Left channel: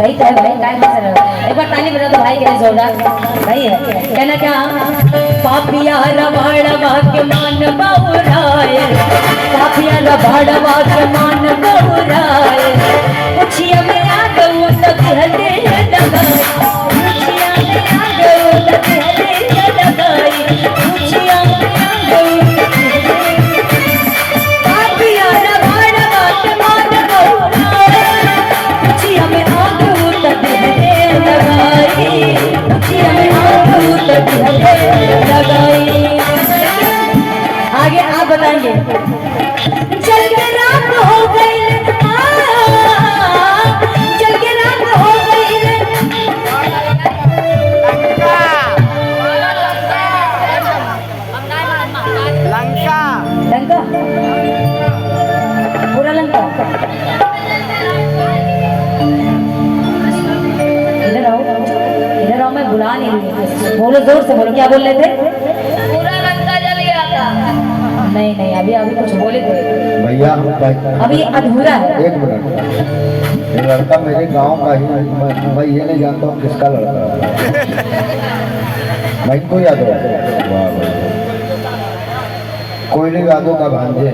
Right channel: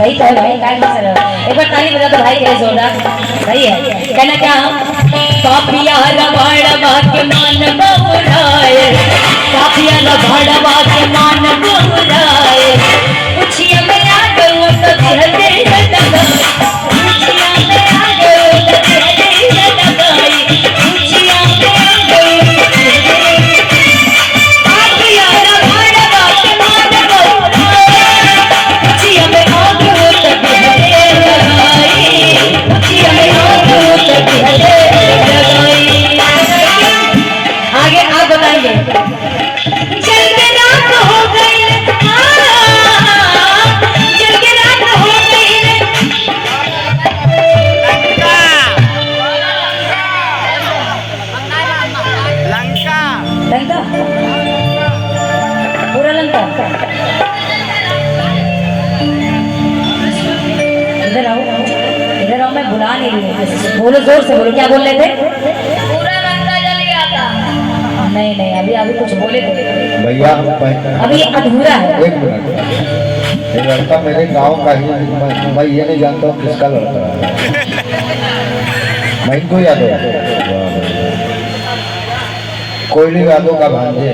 सही कहा भाई, टाइम से एक बार ताली बजा दो भाई के लिए जोरदार। सही है। कहना क्या पापिया रबाड़वा के मान बहुराए, पापिया रबाड़वा के मान बहुराए, पूछिया में आ गऊं तो कहते लगाई, पूछिया में आ गऊं तो कहते लगाई, पूछिया में आ गऊं तो कहते पापिया रबाड़वा के मान बहुराए, पूछिया में आ गऊं तो कहते लगाई, पूछिया में आ गऊं तो कहते लगाई। आगे आप बताएंगे। चल के रात हो गई, चल के रात हो गई, लंका लंका पूरा लंका। इधर आओ, इधर आओ, मैं बुला नहीं रही। बोलो जोर से बोलो, क्या बोल रहे थे? पूरा लंका जल गया था। नहीं नहीं, अभी अभी कुछ बोले थे भैया अभी अधूरा है। एक मिनट, ये लड़का मेरे गांव का ही, मैं ये नहीं जानता हूँ किसका लड़का है। मैं इनको यादव, वाह वाह, कोयली यादव का भांजे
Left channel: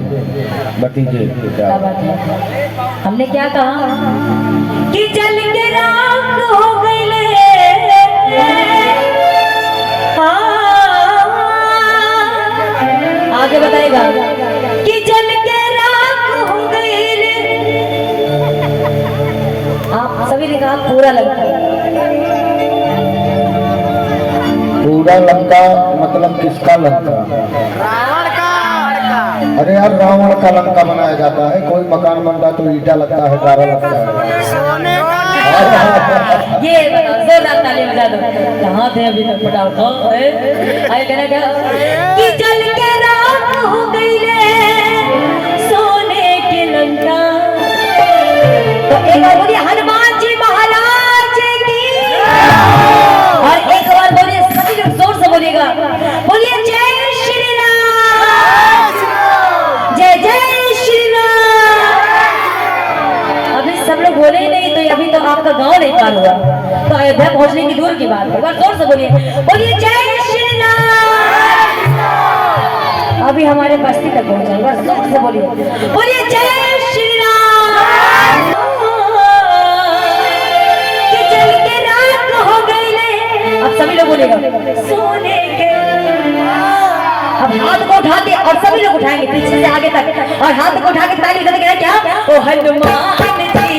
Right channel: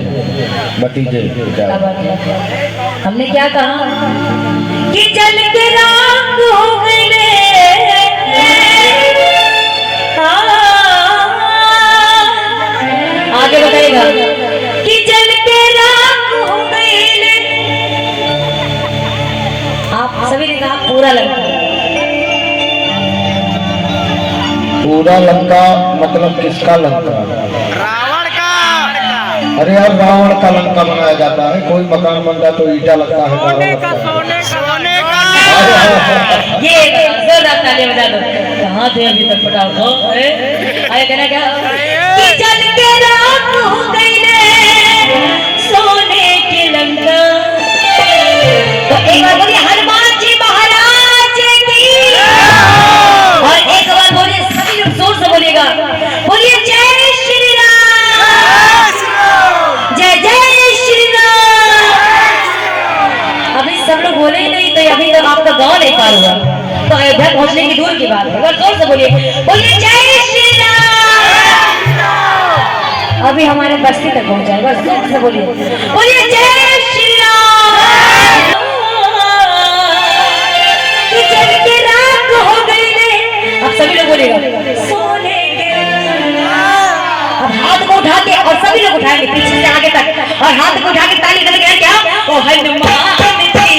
भतीजे। क्या बात है। हमने क्या कहा कि जल के रात हो गई, आगे बताएगा कि जल के रात हो गई। आप सभी ने कहा पूरा लंका। पूरा लंका मतलब किसका लंका? रावण का। अरे यार, रावण का लंका बनाया जाता है। कोई मकान बनता तो ईटा लगता है, गारा लगता है। सोने का। ये जोरदार ताली बजा दो। कहाँ थे अभी तक? पटाओ कहना क्या कि जल के रात हो गई रे सोने की लंका। तो एक बार बोलिए हनुमान जी महाराज की, और एक बार बोलिए, सभी लोग जोर से बोलिएगा, बोलिए जय श्री राम, जय जय श्री राम। अभी सब लोग बोले ही नहीं तो अभी तक आपका गाँव नहीं पार हुआ, तो अयोध्या पहुंचने की दूर की बात है। और जोर से बोलिए, बोलिए जय श्री राम। अभी हमारे बस्ती तक पहुंचा, बस जोर से बोलिए, बोलिए जय श्री राम। कि जल के रात हो गई। अब सभी लोग बोलिएगा सोने के। अब हाथ को उठा के, और सभी लोग उठाएंगे पीछे से आगे तक, और हाथ को उठा के ताली करके क्या, ओ हनुमान जी